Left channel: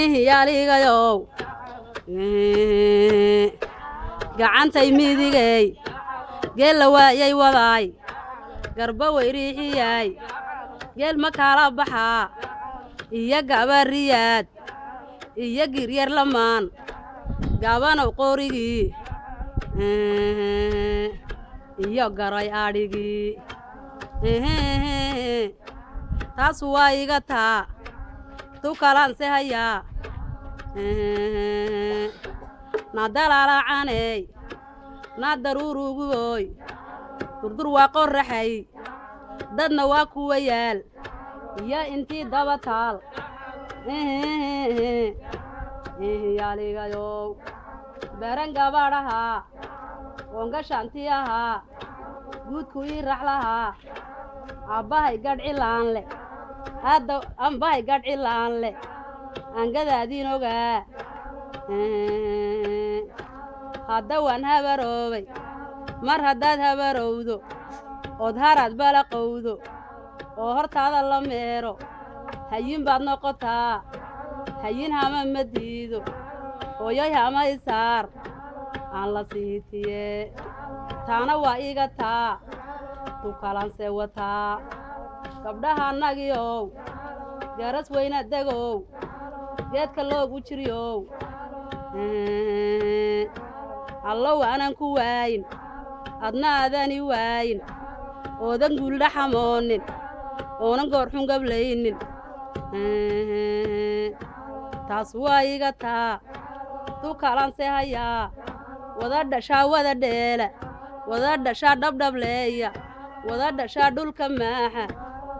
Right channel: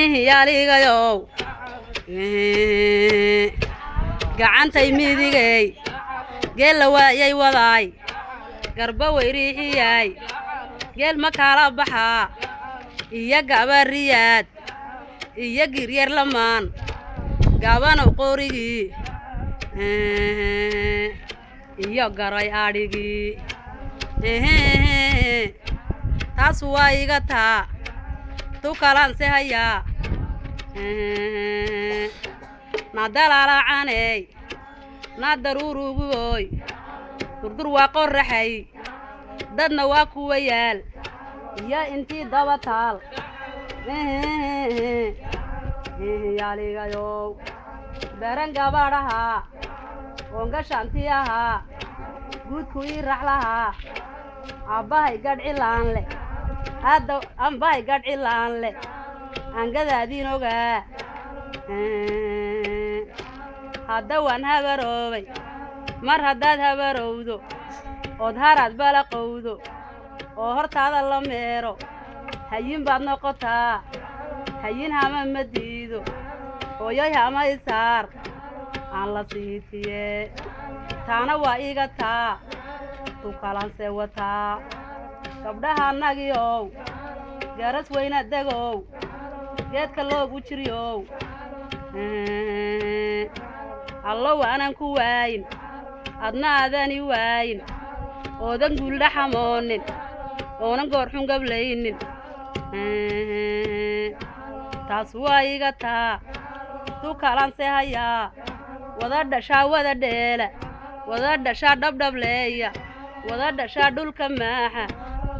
يا ليغيو gacantay midigay geel la waayay wadaay garba weyriixiyay geel ma kala baxaa iyo gabariyaad iyo giryar lamaan gabana qorigii iyo garay adhigii taas waa iga taa tu kalanse hayaa nadalalacaney nadaruruguoy durdur waa qorraxay dadna waa kuwa yaal iyo intii daba taal yaaligayow baran gabadhahaa oongashanti ahaa guudku ii raxlahaa abbahay gadhcilaan leh hadda ambahay gadhcilaan leh angadaadiin ogaa hadda waan habaroobay mar haddaad habarowdo ood haraad balaqowdo oo hortaada la meero hayin baad noqotaa hayin hama ma diido hooyoy hama isaar aan la siitiye taana waa iga taa tu kalanse wataa gabdhaha annagiow garas weyna degow geedka loogu jiryow allow aanan ku waayin adna aadani waayin oodan guuldha xamoonin oonan goorxun gablaynin taas waa iga taa tu kalanse hayaa wada dhashaa wada dheela wada dhashaa dhabdhableeya wada dhashaa dhulka maaxa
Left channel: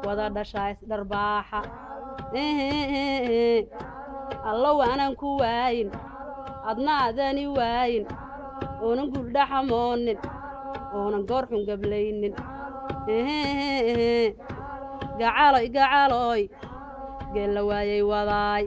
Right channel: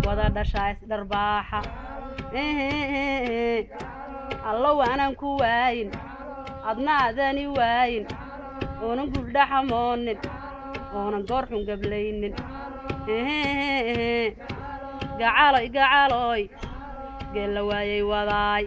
wada dhashaa isdharbaaxa allow aanan ku waayin adna aadani waayin oonan guuldha xamoonin oonan goorxun gablaynin gacaloy gacaloy geel la waayay wadaay